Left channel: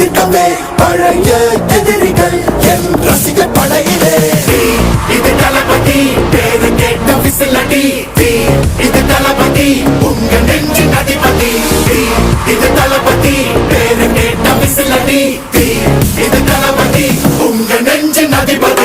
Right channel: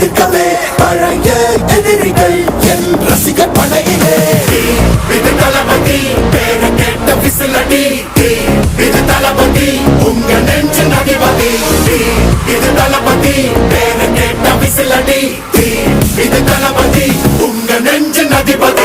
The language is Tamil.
எதிர்க்கவே பழைய எதிரிகள் என் ரசிகர் படையிலே. இது தளபதி பேரு கேட்ட விசிலடி, இது தளபதி உங்க நெஞ்சு அதிபதி. இது தளபதி பேரு கேட்ட விசிலடி, இது தளபதி உங்க நெஞ்சு அதிபதி.